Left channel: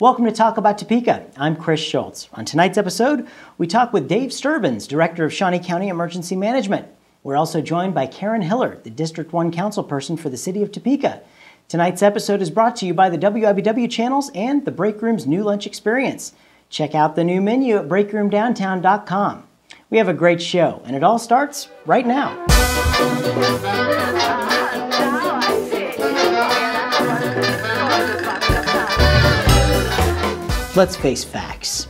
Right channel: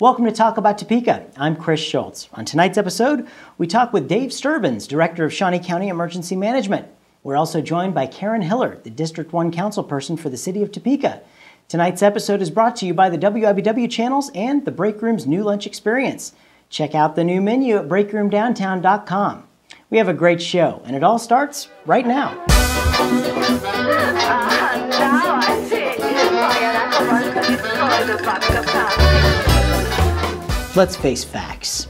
Welcome to Talk About Topeka. I'm Chris Schultz. On tonight's episode, we talk with Dave Sterbenz, Director of Shawnee County Emergency Management. We're also joined by Karen Hiller, the District 1 councilperson for the City of Topeka. Tonight's episode is brought to you by the WIBW channels and the Break Room's new lunch experience. Check out the new menu at breakroomdowntown.com. We have a great show, and it all starts right now. Let's face facts.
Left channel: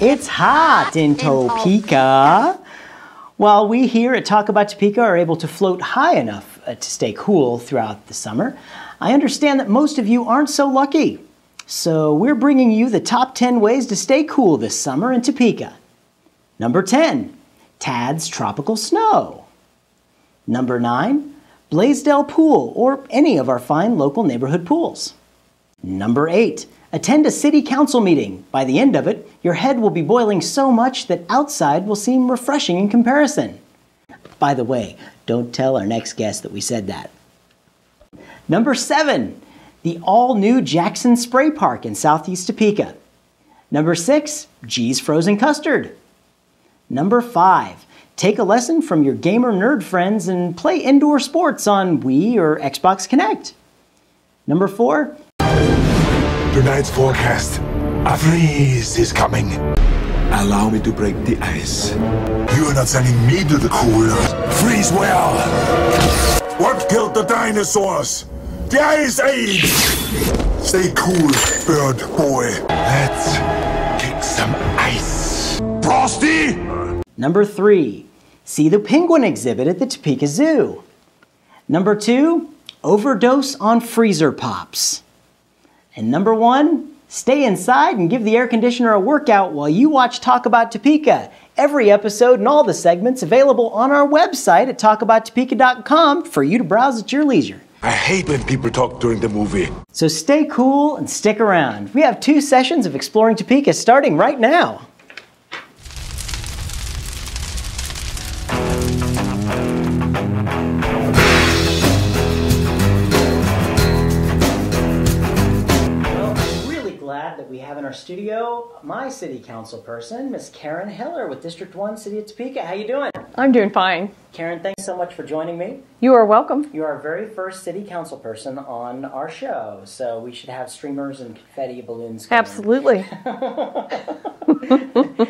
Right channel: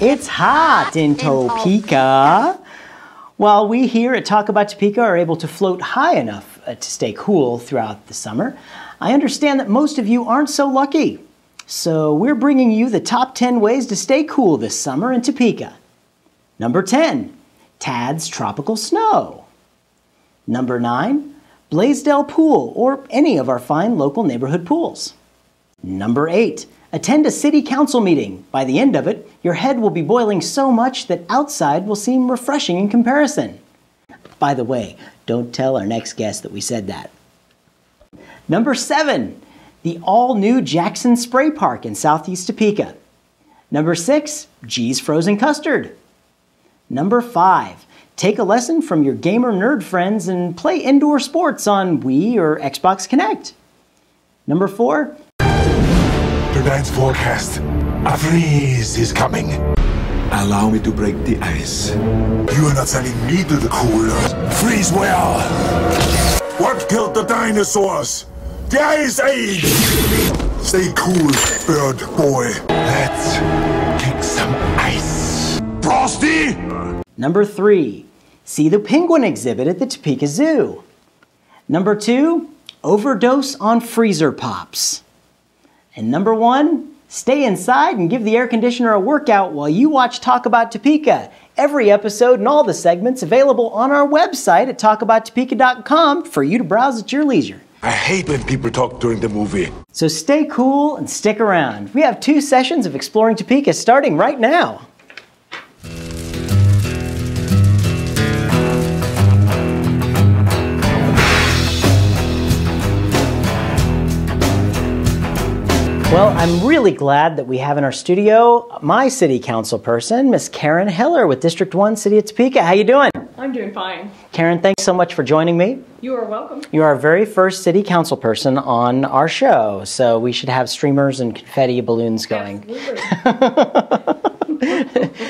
It's hot in Topeka. While we here at Talk About Topeka are able to float high enough to stay cool throughout the summer, I understand that most of you aren't so lucky. So we're bringing you the top 10 ways to stay cool this summer in Topeka. Number 10, Tad's Tropical Snow. Number 9, Blaisdell Pool, or any of our fine local neighborhood pools. Number 8, attend a city council meeting. By the end of it, your head will be boiling so much that outside will seem refreshing in comparison. By the way, don't tell our next guest that we said that. Number 7, the all-new Jackson Spray Park in Southeast Topeka. Number 6, G's Frozen Custard. Number 5, take a lesson from your gamer nerd friends and play indoor sports on Wii or Xbox Connect. Number 4, tonight's forecast, a freeze is coming. Allow me to break the ice. You are not sending me to the cooler. Freeze well. What killed the dinosaurs? The Ice Age. Stay cool, bird boy. Let's kick some ice. Frosty! Number 3, see the penguin exhibit at the Topeka Zoo. Number 2, overdose on freezer pops. And number 1, stay inside and give the air conditioner a workout while you watch Talk About Topeka. Every episode and all the segments available on our website at talkabouttopeka.com for you to browse at your leisure. I hate when people talk during the movie. So stay cool and stick around. We have 2 sessions of Exploring Topeka starting right now. Well, I'm really glad that we have in our studio my city council person, Miss Karen Hiller with District 1, City of Topeka. How you doing? I'm doing fine. Karen, thanks so much for joining me. You are welcome. You are our very first city council person on our show, so we should have streamers and confetti balloons going. Absolutely.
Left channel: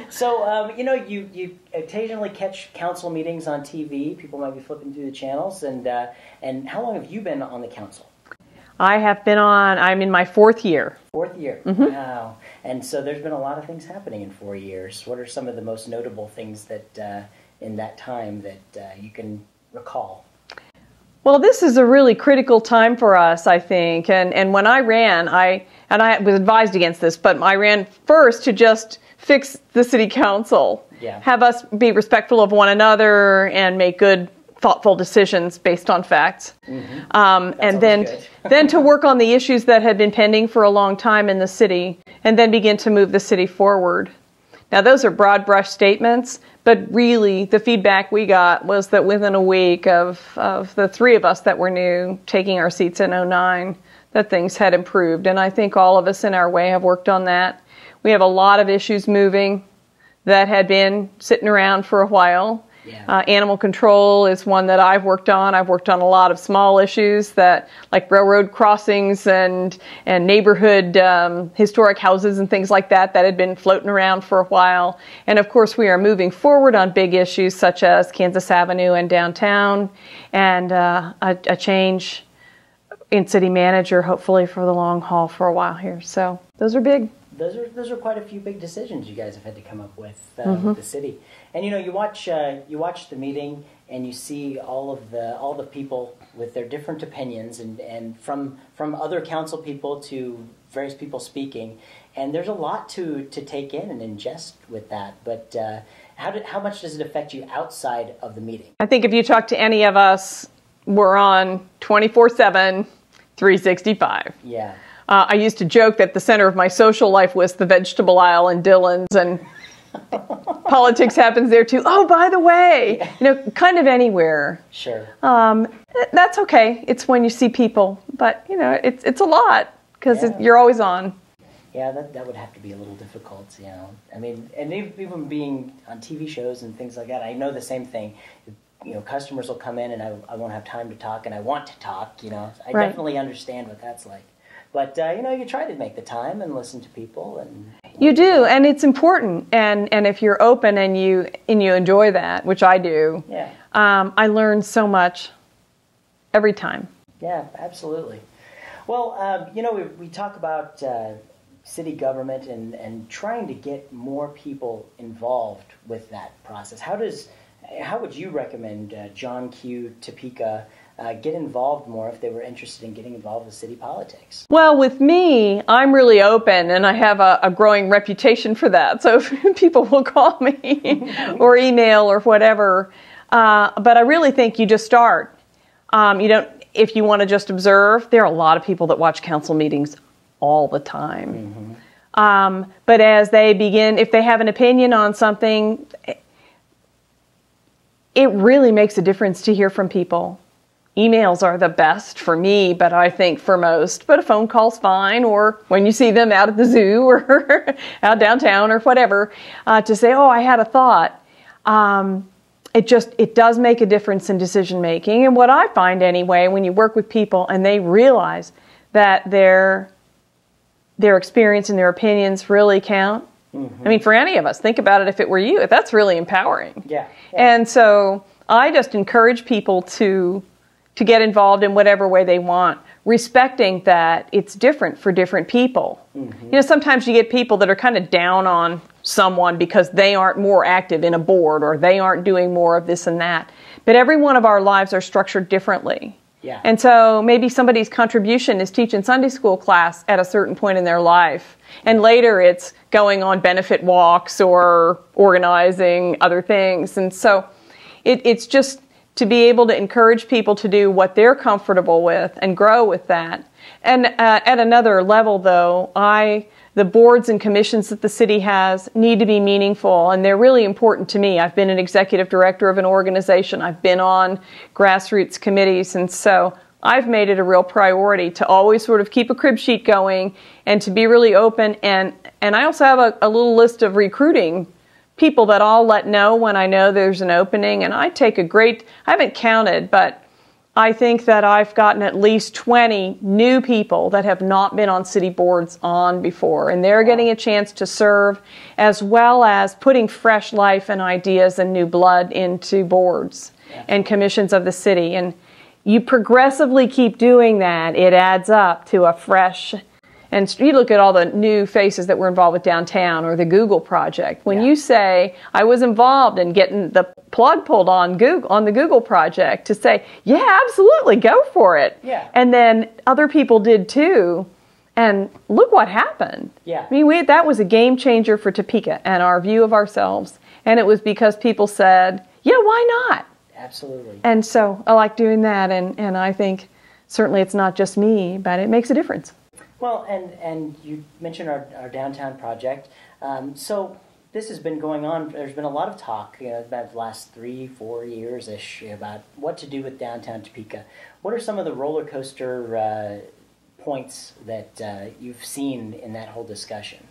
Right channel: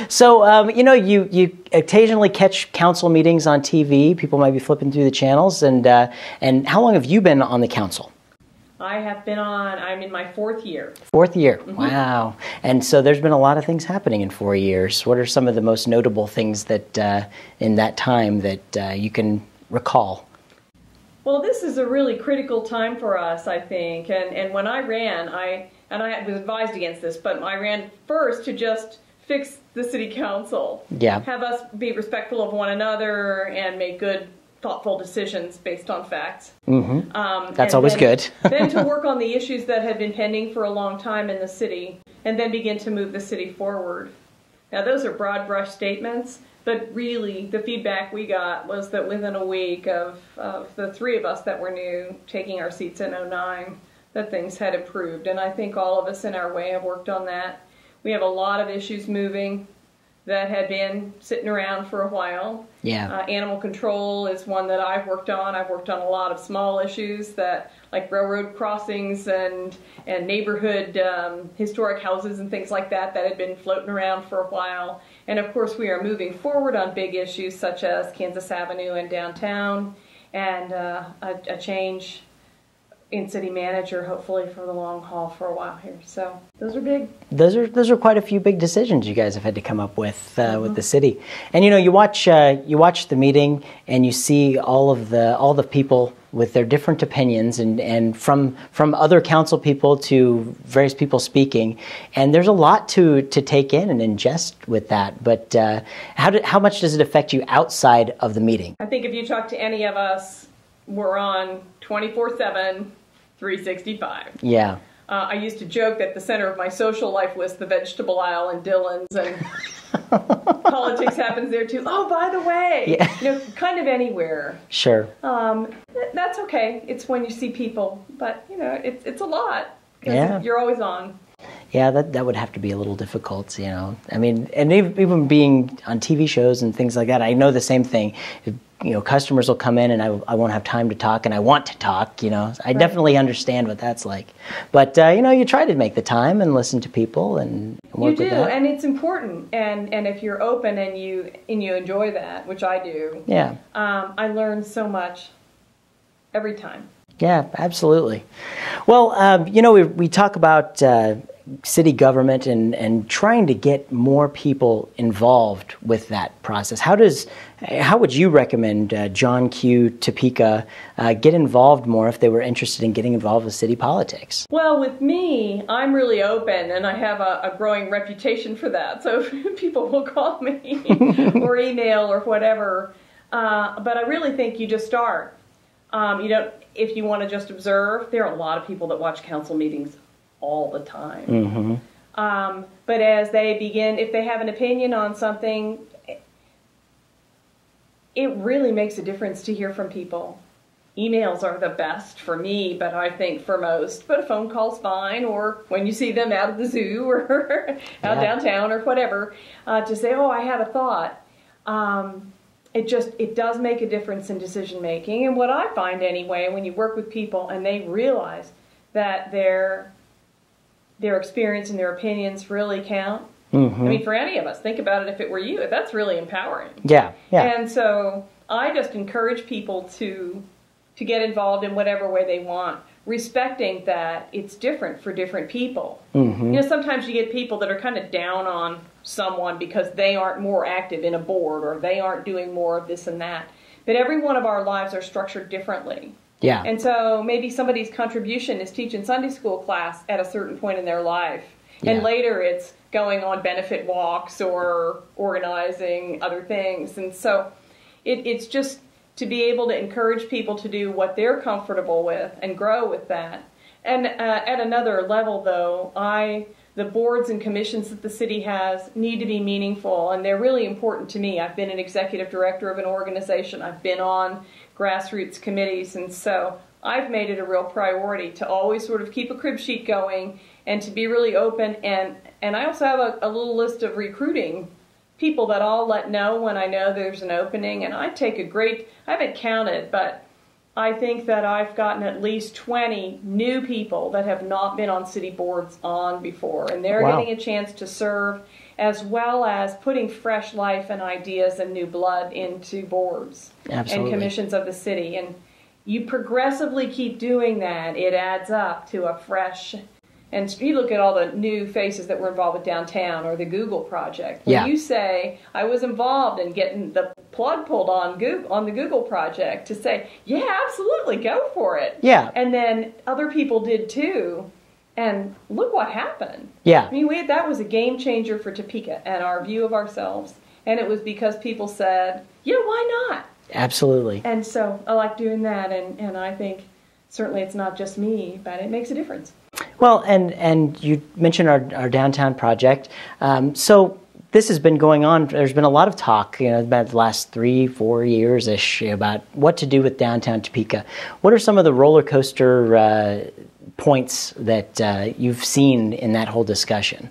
So, you know, you occasionally catch council meetings on TV. People might be flipping through the channels. And how long have you been on the council? I'm in my 4th year. 4th year, wow. And so there's been a lot of things happening in 4 years. What are some of the most notable things that in that time that you can recall? Well, this is a really critical time for us, I think. And when I ran, I was advised against this, but I ran first to just fix the city council. Yeah. Have us be respectful of one another and make good, thoughtful decisions based on facts. That's always good. Then to work on the issues that had been pending for a long time in the city, and then begin to move the city forward. Now, those are broad brush statements, but really the feedback we got was that within a week of the 3 of us that were new taking our seats in 2009, that things had improved. And I think all of us in our way have worked on that. We have a lot of issues moving that had been sitting around for a while. Yeah. Animal control is one that I've worked on. I've worked on a lot of small issues that, like railroad crossings and neighborhood historic houses and things like that had been floating around for a while. And of course, we are moving forward on big issues such as Kansas Avenue and downtown, and a change in city manager, hopefully for the long haul for a while here. So those are big. Those are quite a few big decisions you guys have had to come up with the city. And you know, you watch the meeting and you see all the people with their different opinions and from other council people to various people speaking, and there's a lot to take in and ingest with that. But how much does it affect you outside of the meeting? I think if you talk to any of us, we're on 24/7, 365. Yeah. I used to joke that the center of my social life was the vegetable aisle in Dillon's, and politics happens there too. Oh, by the way, yeah. Kind of anywhere. Sure. That's okay. It's when you see people, but it's a lot because you're always on. Yeah, that would have to be a little difficult, you know. I mean, and even being on TV shows and things like that, I know the same thing. You know, customers will come in and I won't have time to talk, and I want to talk, you know. I definitely understand what that's like. But, you know, you try to make the time and listen to people. And you do, and it's important. And if you're open and you enjoy that, which I do, yeah. I learn so much every time. Yeah, absolutely. Well, you know, we talk about city government and trying to get more people involved with that process. How would you recommend John Q. Topeka get involved more if they were interested in getting involved with city politics? Well, with me, I'm really open, and I have a growing reputation for that. So people will call me or email or whatever. But I really think you just start. You don't. If you want to just observe, there are a lot of people that watch council meetings all the time. Mm-hmm. But as they begin, if they have an opinion on something, it really makes a difference to hear from people. Emails are the best for me, but I think for most. But a phone call's fine, or when you see them out at the zoo or out downtown or whatever, to say, oh, I had a thought. It does make a difference in decision making. And what I find anyway, when you work with people and they realize that their experience and their opinions really count. Mm-hmm. I mean, for any of us, think about it if it were you. That's really empowering. Yeah. And so I just encourage people to get involved in whatever way they want, respecting that it's different for different people. Mm-hmm. You know, sometimes you get people that are kind of down on someone because they aren't more active in a board or they aren't doing more of this and that. But every one of our lives are structured differently. Yeah. And so maybe somebody's contribution is teaching Sunday school class at a certain point in their life. Yeah. And later it's going on benefit walks or organizing other things. And so it's just to be able to encourage people to do what they're comfortable with and grow with that. And at another level, though, the boards and commissions that the city has need to be meaningful, and they're really important to me. I've been an executive director of an organization. I've been on grassroots committees, and so I've made it a real priority to always sort of keep a crib sheet going and to be really open. And I also have a little list of recruiting people that I'll let know when I know there's an opening, and I haven't counted, but I think that I've gotten at least 20 new people that have not been on city boards on before, and they're getting a chance to serve, as well as putting fresh life and ideas and new blood into boards and commissions of the city. And you progressively keep doing that, it adds up to a fresh. And you look at all the new faces that were involved with downtown or the Google project. When you say, I was involved in getting the plug pulled on the Google project, to say, yeah, absolutely, go for it. Yeah. And then other people did too. And look what happened. Yeah. I mean, that was a game changer for Topeka and our view of ourselves. And it was because people said, yeah, why not? Absolutely. And so I like doing that. And I think certainly it's not just me, but it makes a difference. Well, and you mentioned our downtown project. So this has been going on. There's been a lot of talk, you know, about the last 3-4 years-ish about what to do with downtown Topeka. What are some of the roller coaster points that you've seen in that whole discussion?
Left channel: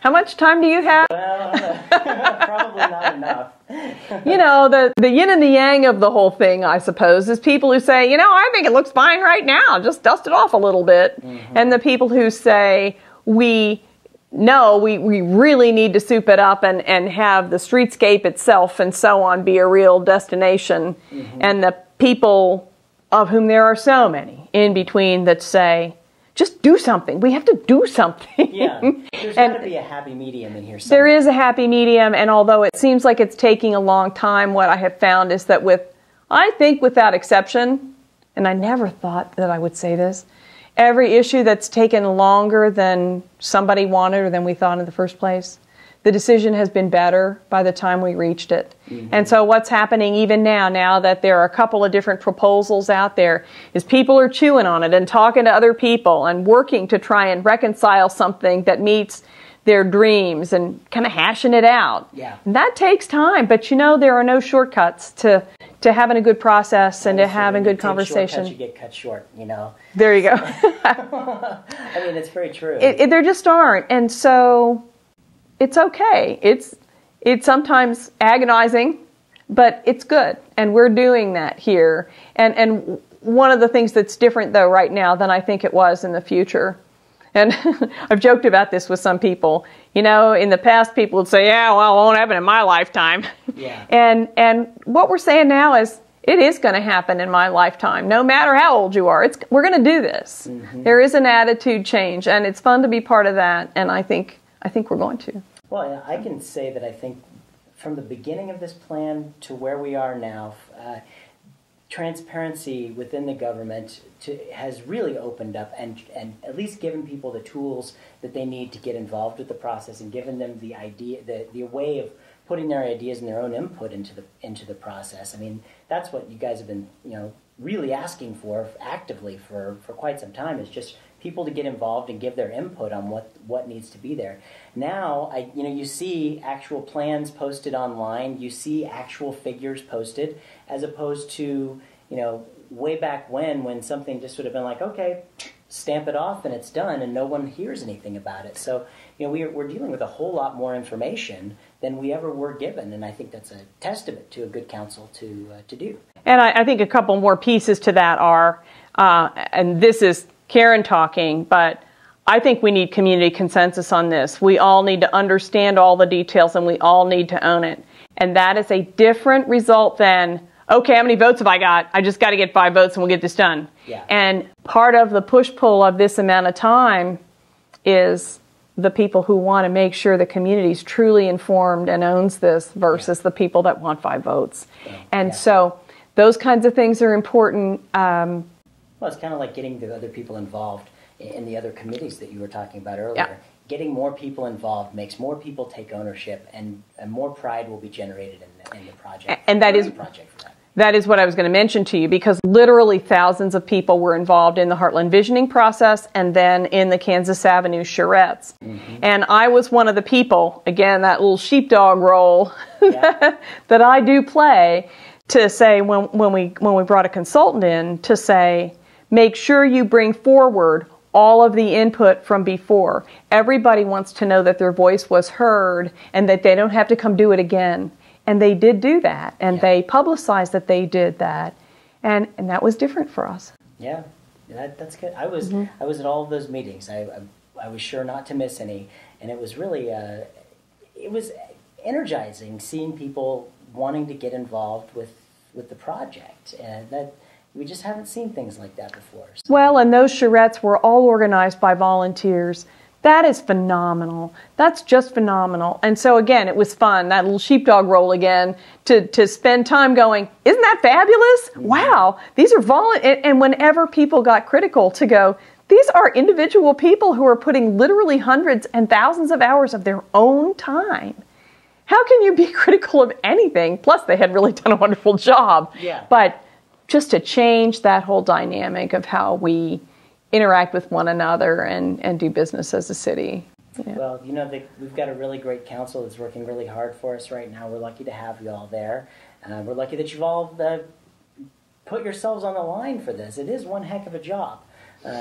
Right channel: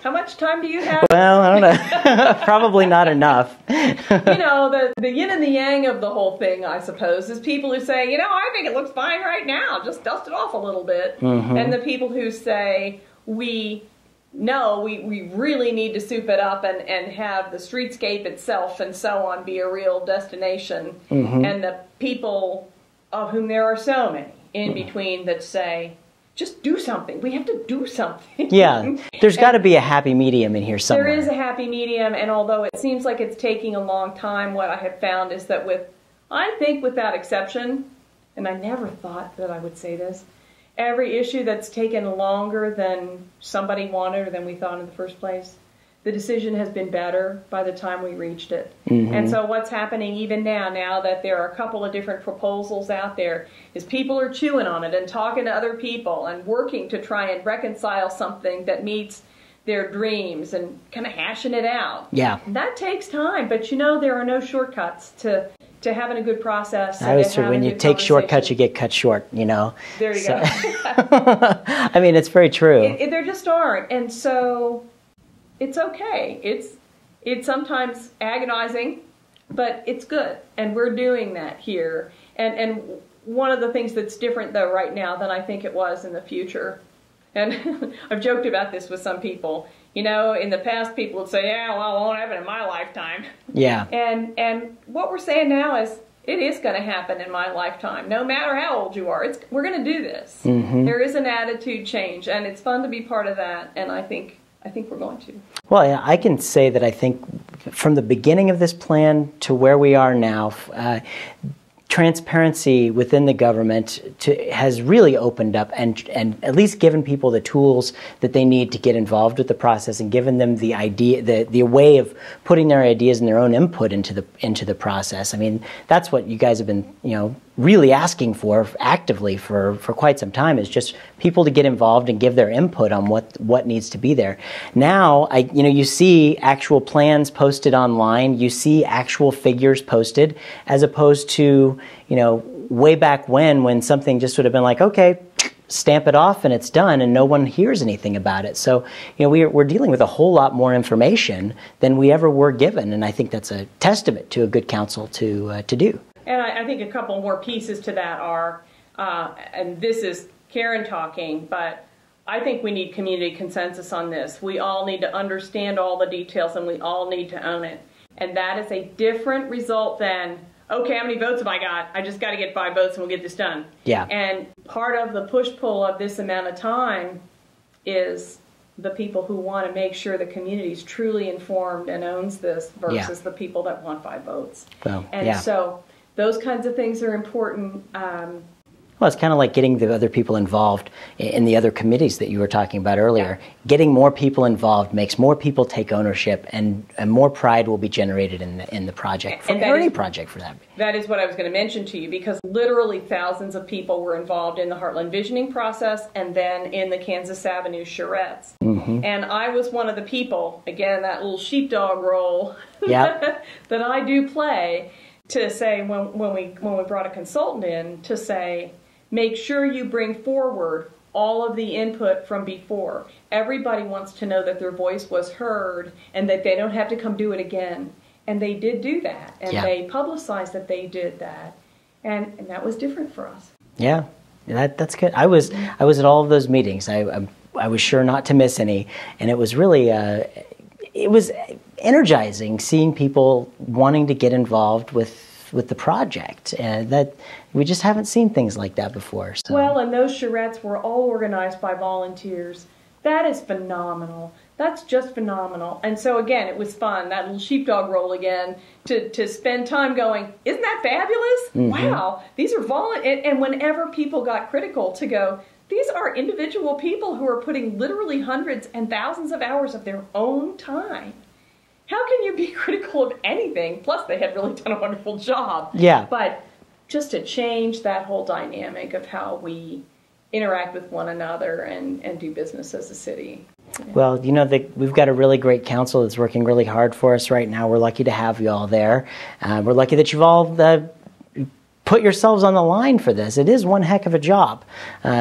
How much time do you have? Well, I don't know. Probably not enough. You know, the yin and the yang of the whole thing, I suppose, is people who say, you know, I think it looks fine right now. Just dust it off a little bit. Mm-hmm. And the people who say, we really need to soup it up and have the streetscape itself and so on be a real destination. Mm-hmm. And the people of whom there are so many in between that say, just do something. We have to do something. Yeah, there's got to be a happy medium in here somewhere. There is a happy medium, and although it seems like it's taking a long time, what I have found is that I think without exception, and I never thought that I would say this, every issue that's taken longer than somebody wanted or than we thought in the first place, the decision has been better by the time we reached it. Mm-hmm. And so what's happening even now that there are a couple of different proposals out there, is people are chewing on it and talking to other people and working to try and reconcile something that meets their dreams and kind of hashing it out. Yeah. And that takes time, but you know there are no shortcuts to having a good process and to having good conversation. When you take shortcuts, you get cut short, you know. There you go. I mean, it's very true. There just aren't. And so it's okay. It's sometimes agonizing, but it's good. And we're doing that here. And one of the things that's different, though, right now than I think it was in the future, and I've joked about this with some people, you know, in the past people would say, yeah, well, it won't happen in my lifetime. Yeah. And what we're saying now is it is going to happen in my lifetime. No matter how old you are, we're going to do this. Mm-hmm. There is an attitude change, and it's fun to be part of that, and I think we're going to. Well, yeah, I can say that I think from the beginning of this plan to where we are now, transparency within the government has really opened up and at least given people the tools that they need to get involved with the process and given them the idea, the way of putting their ideas and their own input into the process. I mean, that's what you guys have been, you know, really asking for actively for quite some time, is just people to get involved and give their input on what needs to be there. Now, you see actual plans posted online, you see actual figures posted, as opposed to, you know, way back when something just would have been like, okay, stamp it off and it's done, and no one hears anything about it. So, you know, we're dealing with a whole lot more information than we ever were given, and I think that's a testament to a good council to do. And I think a couple more pieces to that are, and this is Karen talking, but I think we need community consensus on this. We all need to understand all the details, and we all need to own it. And that is a different result than, okay, how many votes have I got? I just got to get 5 votes and we'll get this done. Yeah. And part of the push-pull of this amount of time is the people who want to make sure the community is truly informed and owns this versus the people that want 5 votes. So those kinds of things are important. Well, it's kind of like getting the other people involved in the other committees that you were talking about earlier. Yeah. Getting more people involved makes more people take ownership, and more pride will be generated in the project. And that is a project for that. That is what I was going to mention to you, because literally thousands of people were involved in the Heartland Visioning process and then in the Kansas Avenue charrettes. Mm-hmm. And I was one of the people, again, that little sheepdog role that I do play, to say when we brought a consultant in, to say, make sure you bring forward all of the input from before. Everybody wants to know that their voice was heard and that they don't have to come do it again. And they did do that, and they publicized that they did that, and that was different for us. Yeah, that's good. I was at all of those meetings. I was sure not to miss any, and it was really it was energizing seeing people wanting to get involved with the project, and that we just haven't seen things like that before. So. Well, and those charrettes were all organized by volunteers. That is phenomenal. That's just phenomenal. And so again, it was fun, that little sheepdog role again, to spend time going, isn't that fabulous? Mm-hmm. Wow, these are and whenever people got critical, to go, these are individual people who are putting literally hundreds and thousands of hours of their own time. How can you be critical of anything? Plus, they had really done a wonderful job. Yeah. But just to change that whole dynamic of how we interact with one another and do business as a city. Yeah. Well, you know, we've got a really great council that's working really hard for us right now. We're lucky to have you all there. We're lucky that you've all put yourselves on the line for this. It is one heck of a job.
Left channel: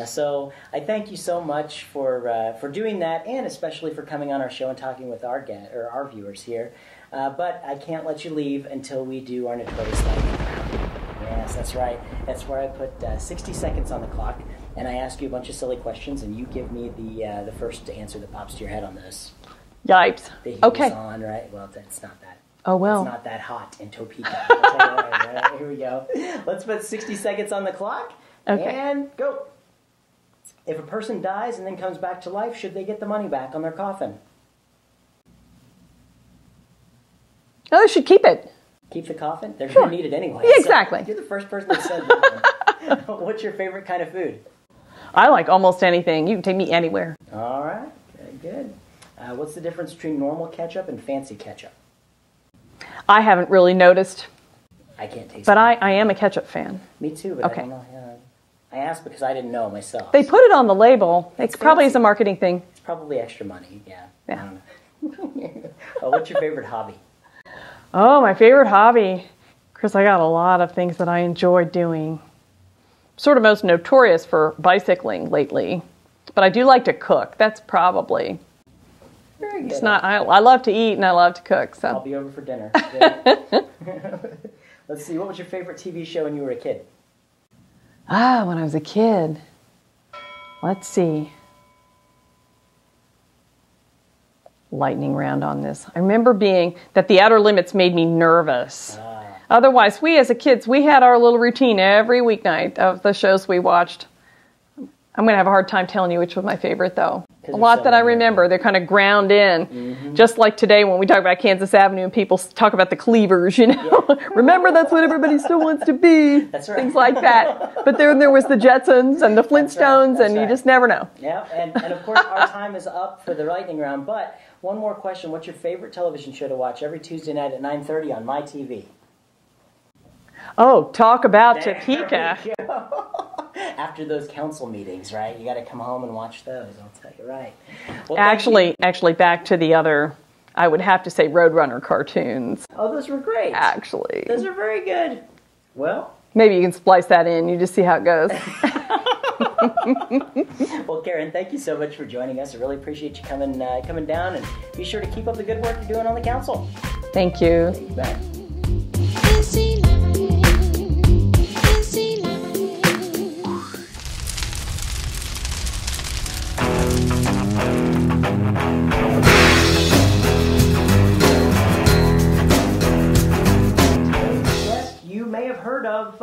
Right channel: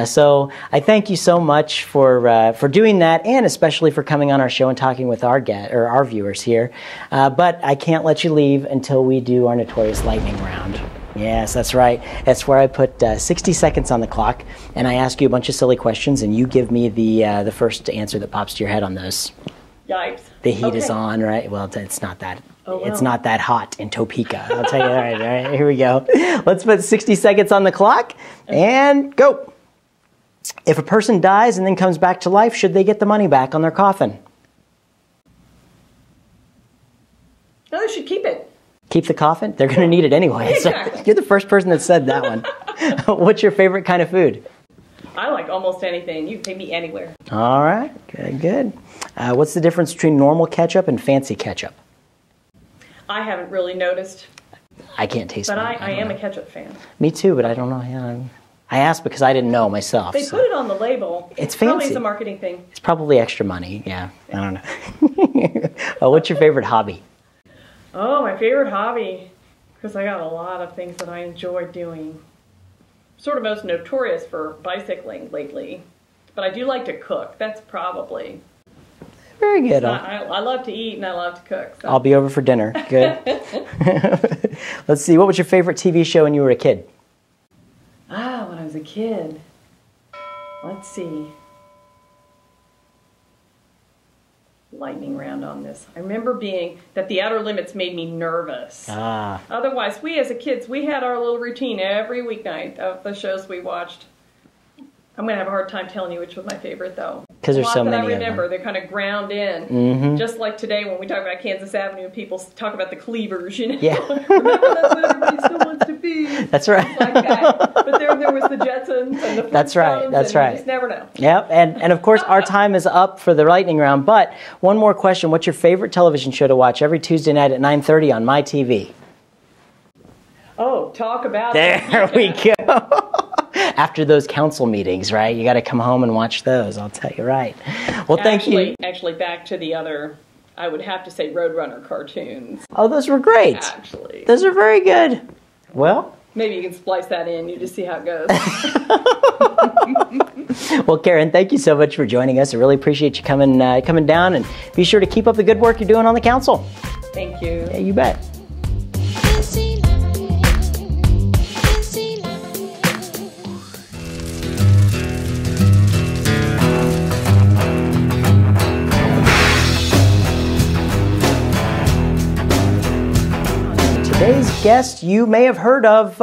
So I thank you so much for doing that, and especially for coming on our show and talking with our viewers here. But I can't let you leave until we do our notorious lightning round. Yes, that's right. That's where I put 60 seconds on the clock, and I ask you a bunch of silly questions, and you give me the first answer that pops to your head on those. Yipes. The heat is on, right? Well, it's not that. Oh, well. It's not that hot in Topeka. I'll tell you. All right, here we go. Let's put 60 seconds on the clock, and go. If a person dies and then comes back to life, should they get the money back on their coffin? No, they should keep it. Keep the coffin? They're going to need it anyway. Yeah, exactly. So you're the first person that said that one. What's your favorite kind of food? I like almost anything. You can take me anywhere. All right. Good. What's the difference between normal ketchup and fancy ketchup? I haven't really noticed. I can't taste it. But I am a ketchup fan. Me too, but okay. I don't know. Yeah, I asked because I didn't know myself. They put it on the label. It's probably fancy. is a marketing thing. It's probably extra money. Yeah, I don't know. What's your favorite hobby? Oh, my favorite hobby. Chris, I got a lot of things that I enjoy doing. Sort of most notorious for bicycling lately, but I do like to cook. That's probably. Very good. It's not, I love to eat and I love to cook. So. I'll be over for dinner. Good. Let's see. What was your favorite TV show when you were a kid? When I was a kid. Let's see. Lightning round on this. I remember that The Outer Limits made me nervous. Otherwise, we as kids, we had our little routine every weeknight of the shows we watched. I'm going to have a hard time telling you which was my favorite, though. A lot that I remember, they're kind of ground in. Just like today when we talk about Kansas Avenue and people talk about the cleavers, you know. Yeah. Remember, that's what everybody still wants to be. That's right. Things like that. But then there was the Jetsons and the Flintstones, and you just never know. Yeah, and of course, our time is up for the lightning round. But one more question. What's your favorite television show to watch every Tuesday night at 9:30 on my TV? Oh, talk about There Topeka. we go. After those council meetings, right? You got to come home and watch those. I'll tell you right. Well, thank you. Actually, back to the other, I would have to say Roadrunner cartoons. Oh, those were great. Actually. Those are very good. Well, maybe you can splice that in. You just see how it goes. Well, Karen, thank you so much for joining us. I really appreciate you coming down, and be sure to keep up the good work you're doing on the council. Thank you. Yeah, you bet. Guest you may have heard of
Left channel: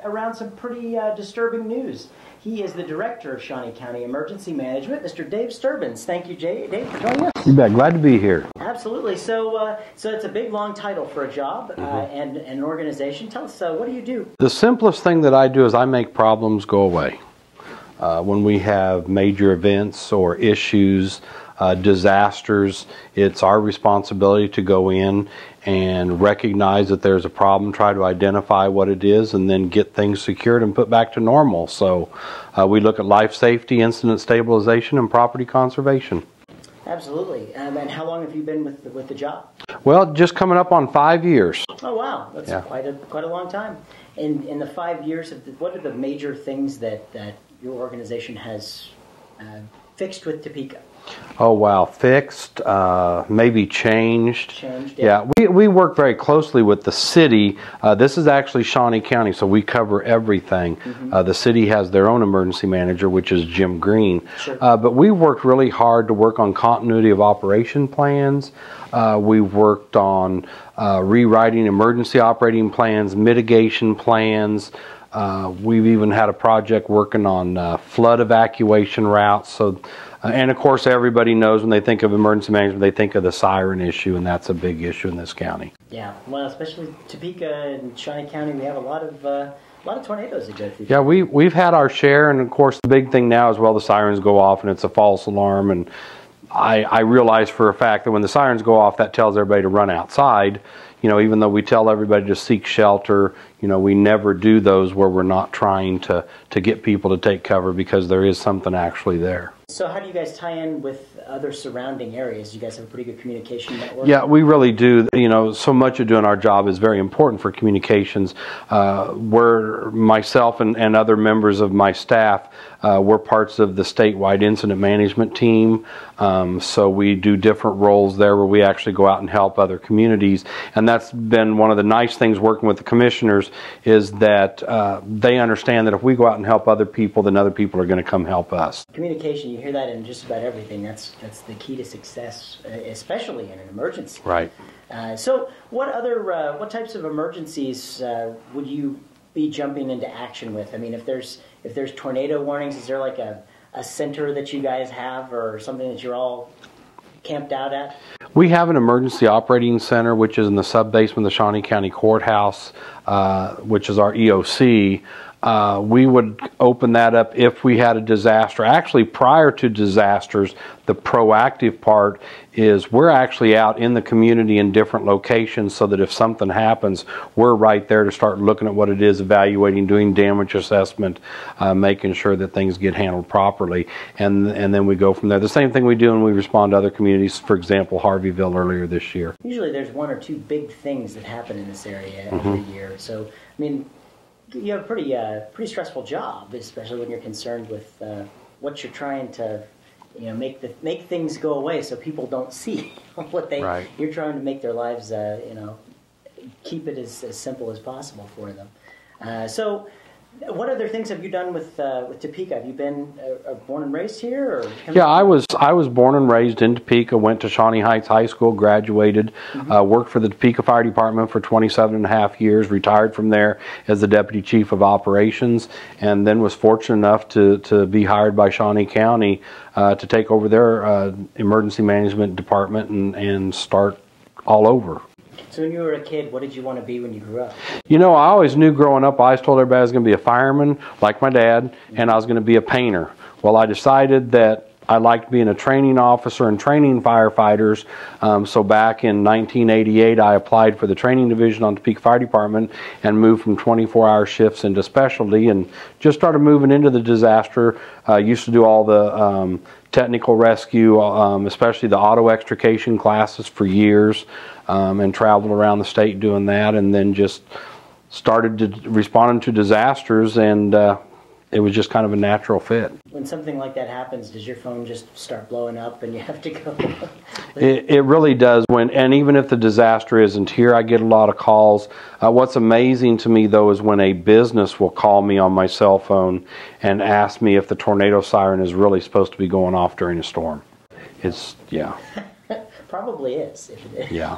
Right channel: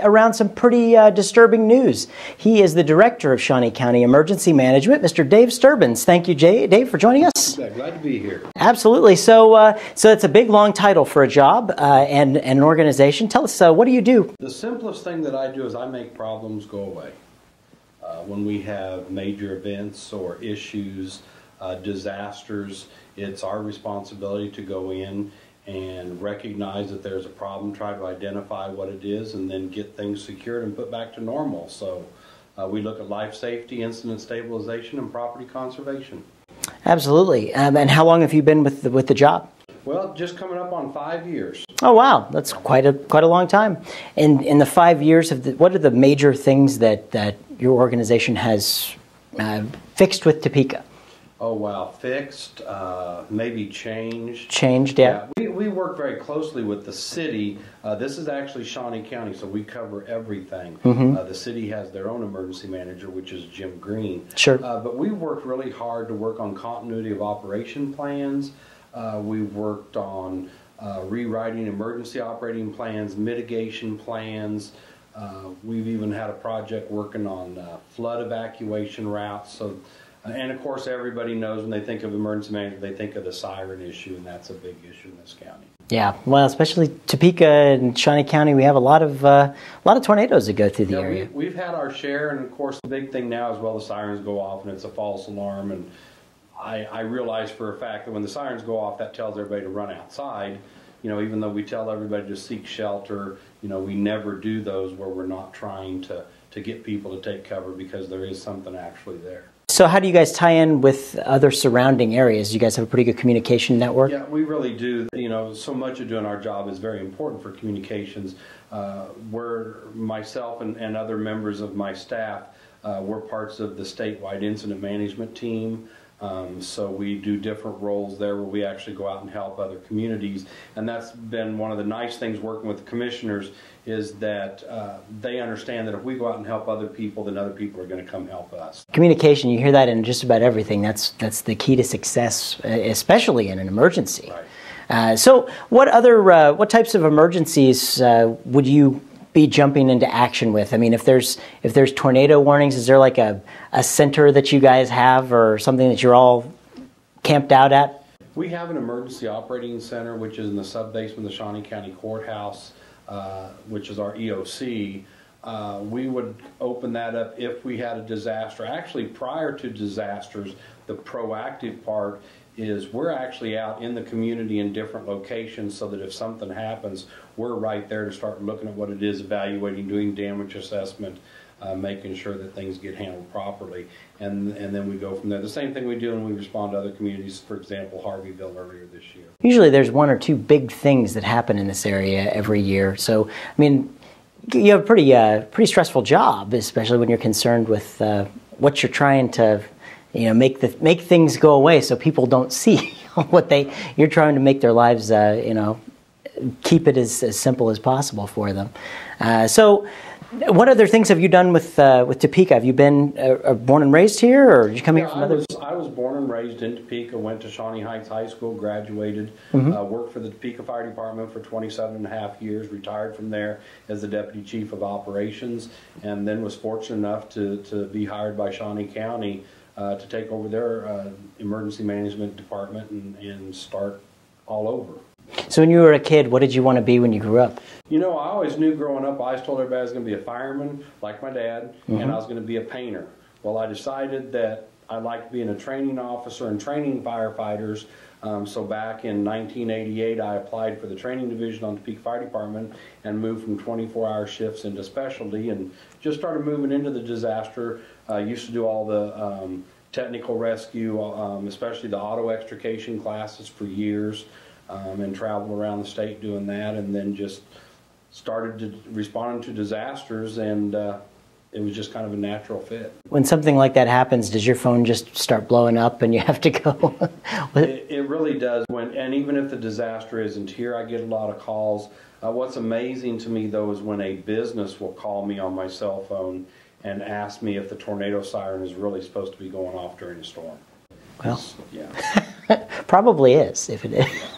around some pretty disturbing news. He is the Director of Shawnee County Emergency Management, Mr. Dave Sterbenz. Thank you, Dave, for joining us. You bet. Glad to be here. Absolutely. So it's a big, long title for a job and an organization. Tell us, what do you do? The simplest thing that I do is I make problems go away. When we have major events or issues, disasters, it's our responsibility to go in and recognize that there's a problem, try to identify what it is, and then get things secured and put back to normal. So we look at life safety, incident stabilization, and property conservation. Absolutely. And how long have you been with the job? Well, just coming up on 5 years. Oh wow, that's quite a long time. In the 5 years, what are the major things that your organization has fixed with Topeka? Oh wow, fixed, maybe changed. Changed, yeah. Yeah, we work very closely with the city. This is actually Shawnee County, so we cover everything. The city has their own emergency manager, which is Jim Green. Sure. But we worked really hard to work on continuity of operation plans. We've worked on rewriting emergency operating plans, mitigation plans. We've even had a project working on flood evacuation routes. So. And of course, everybody knows when they think of emergency management, they think of the siren issue, and that's a big issue in this county. Yeah, well, especially Topeka and Shawnee County, we have a lot of tornadoes that go through there. Yeah, we've had our share, and of course, the big thing now is, well, the sirens go off, and it's a false alarm. And I realize for a fact that when the sirens go off, that tells everybody to run outside. You know, even though we tell everybody to seek shelter, you know, we never do those where we're not trying to get people to take cover, because there is something actually there. So how do you guys tie in with other surrounding areas? You guys have a pretty good communication network? Yeah, we really do. You know, so much of doing our job is very important for communications. We're, myself and other members of my staff, we're parts of the statewide incident management team. So we do different roles there where we actually go out and help other communities. And that's been one of the nice things working with the commissioners, is that they understand that if we go out and help other people, then other people are going to come help us. Communication, you hear that in just about everything. That's the key to success, especially in an emergency. Right. So what types of emergencies would you be jumping into action with? I mean, if there's tornado warnings, is there like a center that you guys have, or something that you're all camped out at? We have an emergency operating center, which is in the sub-basement of the Shawnee County Courthouse, which is our EOC. we would open that up if we had a disaster. Actually, prior to disasters, the proactive part is we're actually out in the community in different locations so that if something happens, we're right there to start looking at what it is, evaluating, doing damage assessment, making sure that things get handled properly, and then we go from there. The same thing we do when we respond to other communities, for example, Harveyville earlier this year. Usually there's one or two big things that happen in this area every year. So, I mean, you have a pretty stressful job, especially when you're concerned with what you're trying to, you know, make things go away so people don't see what they. Right. You're trying to make their lives, you know, keep it as simple as possible for them. So, what other things have you done with Topeka? Have you been born and raised here, or did you come? Yeah, I was born and raised in Topeka. Went to Shawnee Heights High School, graduated, worked for the Topeka Fire Department for 27.5 years. Retired from there as the Deputy Chief of Operations, and then was fortunate enough to be hired by Shawnee County to take over their emergency management department and start all over. So when you were a kid, what did you want to be when you grew up? You know, I always knew growing up, I always told everybody I was going to be a fireman, like my dad, and I was going to be a painter. Well, I decided that I liked being a training officer and training firefighters. So back in 1988, I applied for the training division on Topeka Fire Department and moved from 24-hour shifts into specialty and just started moving into the disaster. Used to do all the technical rescue, especially the auto extrication classes for years. And traveled around the state doing that, and then just started responding to disasters, and it was just kind of a natural fit. When something like that happens, does your phone just start blowing up and you have to go? It really does. And even if the disaster isn't here, I get a lot of calls. What's amazing to me, though, is when a business will call me on my cell phone and ask me if the tornado siren is really supposed to be going off during a storm. Well. Yeah. Probably is, if it is. Yeah.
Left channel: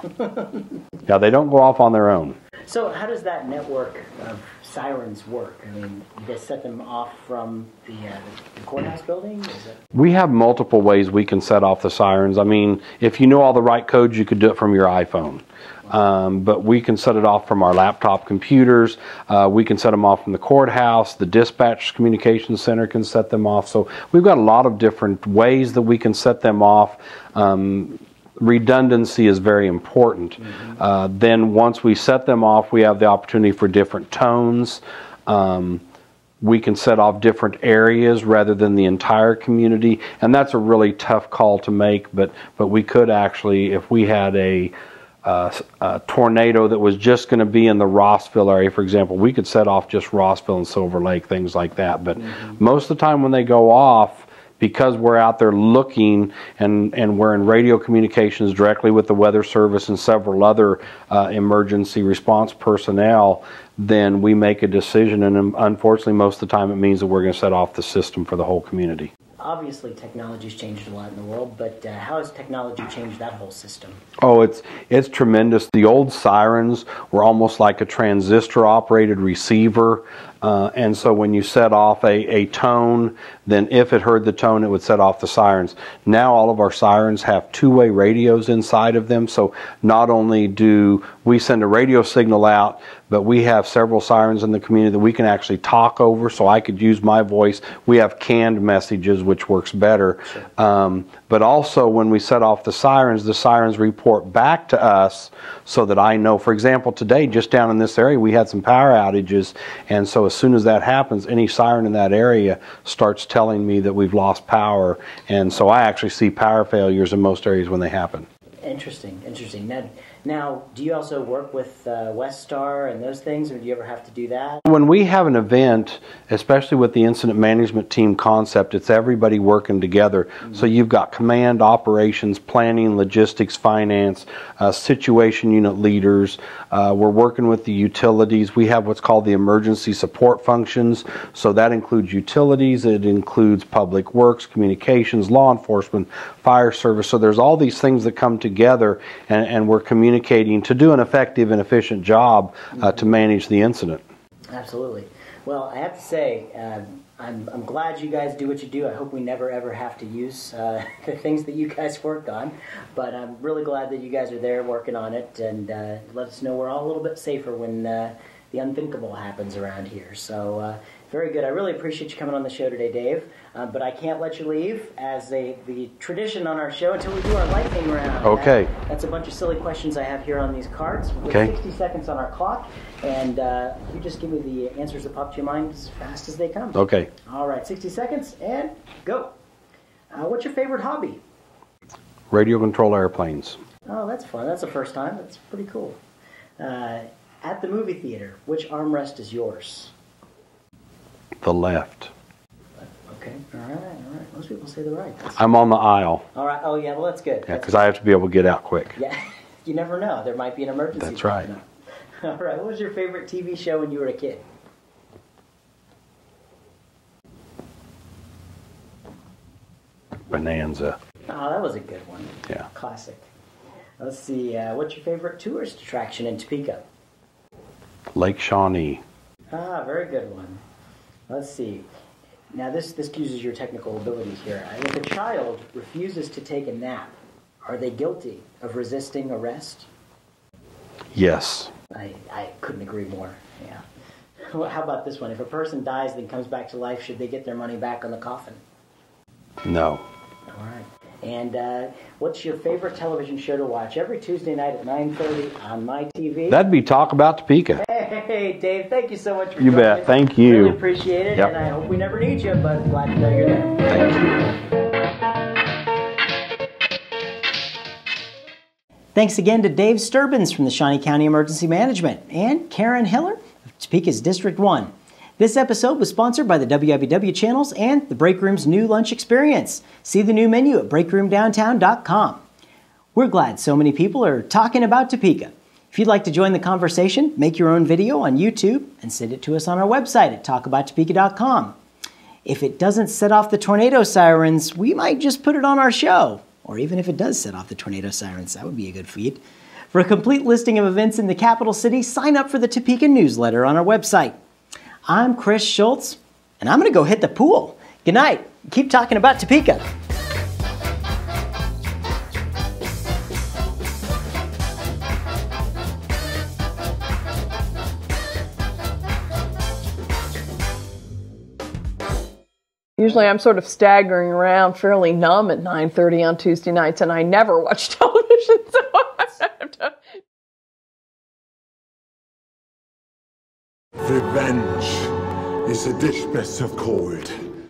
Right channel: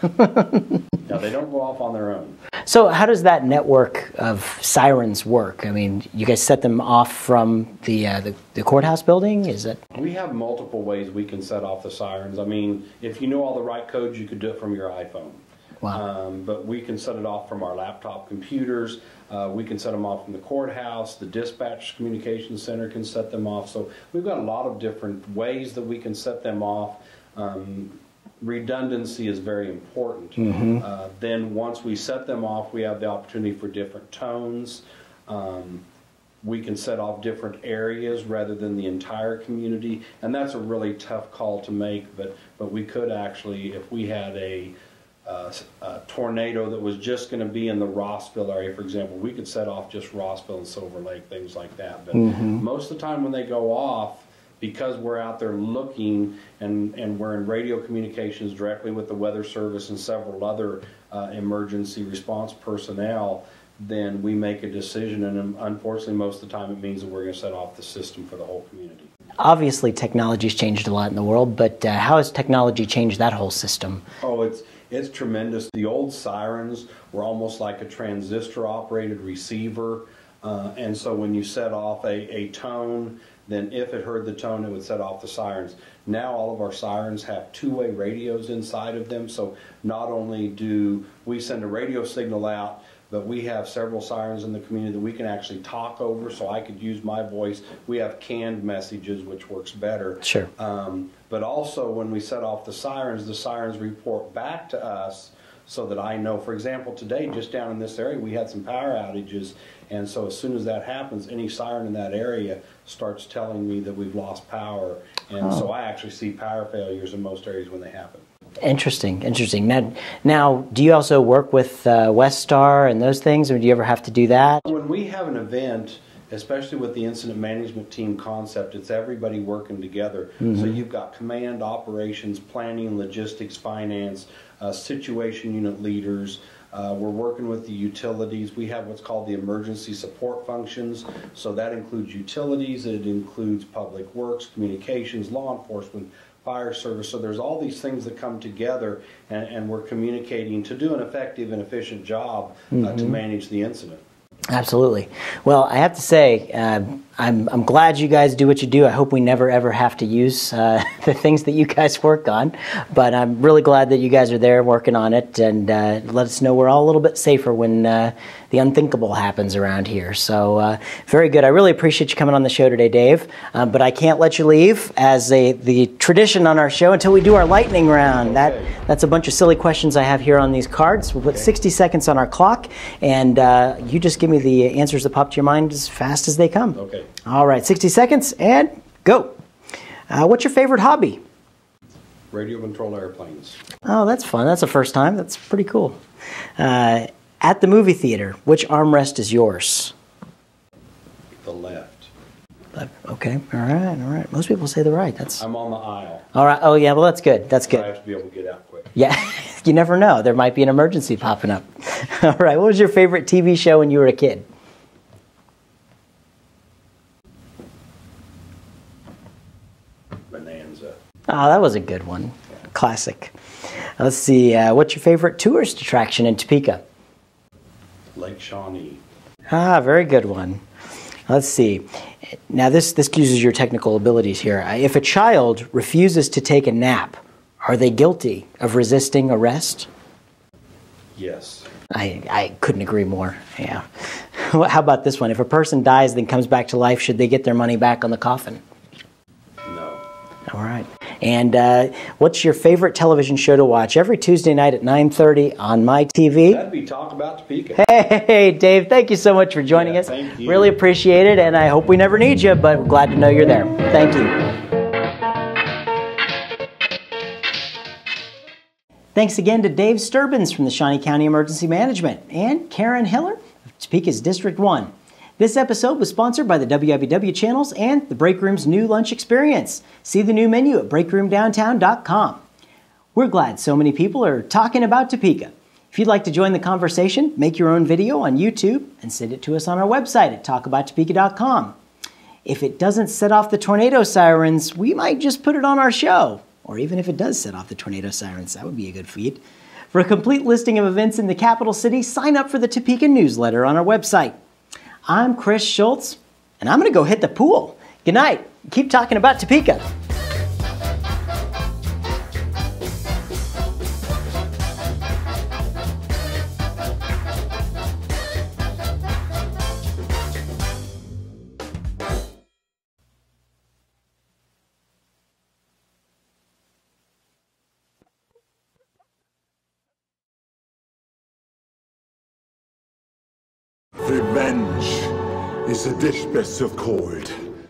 Yeah, they don't go off on their own. So how does that network of sirens work? I mean, you guys set them off from the courthouse building? Is it? We have multiple ways we can set off the sirens. I mean, if you know all the right codes, you could do it from your iPhone. Wow. But we can set it off from our laptop computers. We can set them off from the courthouse. The dispatch communications center can set them off. So we've got a lot of different ways that we can set them off. Redundancy is very important. Then once we set them off, we have the opportunity for different tones. We can set off different areas rather than the entire community. And that's a really tough call to make, but we could actually, if we had a tornado that was just going to be in the Rossville area, for example, we could set off just Rossville and Silver Lake, things like that. But most of the time when they go off, because we're out there looking and we're in radio communications directly with the Weather Service and several other emergency response personnel, then we make a decision, and unfortunately most of the time it means that we're going to set off the system for the whole community. Obviously technology's changed a lot in the world, but how has technology changed that whole system? Oh, it's tremendous. The old sirens were almost like a transistor operated receiver. And so when you set off a tone, then if it heard the tone, it would set off the sirens. Now all of our sirens have two-way radios inside of them, so not only do we send a radio signal out, but we have several sirens in the community that we can actually talk over, so I could use my voice. We have canned messages, which works better. Sure. But also when we set off the sirens report back to us so that I know. For example, today, just down in this area, we had some power outages, and so as soon as that happens, any siren in that area starts telling me that we've lost power, and so I actually see power failures in most areas when they happen. Interesting, interesting. Now, do you also work with Westar and those things, or do you ever have to do that? When we have an event, especially with the incident management team concept, it's everybody working together. So you've got command, operations, planning, logistics, finance, situation unit leaders. We're working with the utilities. We have what's called the emergency support functions. So that includes utilities, it includes public works, communications, law enforcement, fire service. So there's all these things that come together, and we're communicating to do an effective and efficient job to manage the incident. Absolutely. Well, I have to say, I'm glad you guys do what you do. I hope we never ever have to use the things that you guys work on, but I'm really glad that you guys are there working on it, and let us know we're all a little bit safer when the unthinkable happens around here. So very good. I really appreciate you coming on the show today, Dave. But I can't let you leave as the tradition on our show until we do our lightning round. Okay. That's a bunch of silly questions I have here on these cards. We'll put 60 seconds on our clock, and you just give me the answers that pop to your mind as fast as they come. Okay. All right, 60 seconds, and go. What's your favorite hobby? Radio control airplanes. Oh, that's fun. That's the first time. That's pretty cool. At the movie theater, which armrest is yours? The left. Okay. All right. Most people say the right. I'm on the aisle. All right. Oh, yeah. Well, that's good. That's good. I have to be able to get out quick. Yeah. You never know. There might be an emergency popping up. All right. What was your favorite TV show when you were a kid? Bonanza. Oh, that was a good one. Yeah. Classic. Let's see. What's your favorite tourist attraction in Topeka? Lake Shawnee. Ah, very good one. Let's see. Now, this uses your technical abilities here. If a child refuses to take a nap, are they guilty of resisting arrest? Yes. I couldn't agree more. Yeah. How about this one? If a person dies then comes back to life, should they get their money back on the coffin? No. All right. And what's your favorite television show to watch every Tuesday night at 9:30 on my TV? That'd be Talk About Topeka. Hey, Dave, thank you so much for joining us. Thank you. Really appreciate it, and I hope we never need you, but glad to know you're there. Thank you. Thanks again to Dave Sterbenz from the Shawnee County Emergency Management and Karen Hiller of Topeka's District 1. This episode was sponsored by the WIBW channels and the Break Room's new lunch experience. See the new menu at breakroomdowntown.com. We're glad so many people are talking about Topeka. If you'd like to join the conversation, make your own video on YouTube and send it to us on our website at talkabouttopeka.com. If it doesn't set off the tornado sirens, we might just put it on our show. Or even if it does set off the tornado sirens, that would be a good feat. For a complete listing of events in the capital city, sign up for the Topeka newsletter on our website. I'm Chris Schultz, and I'm going to go hit the pool. Good night. Keep talking about Topeka. Usually I'm sort of staggering around fairly numb at 9:30 on Tuesday nights, and I never watch television, so I have to... Revenge is a dish best served cold.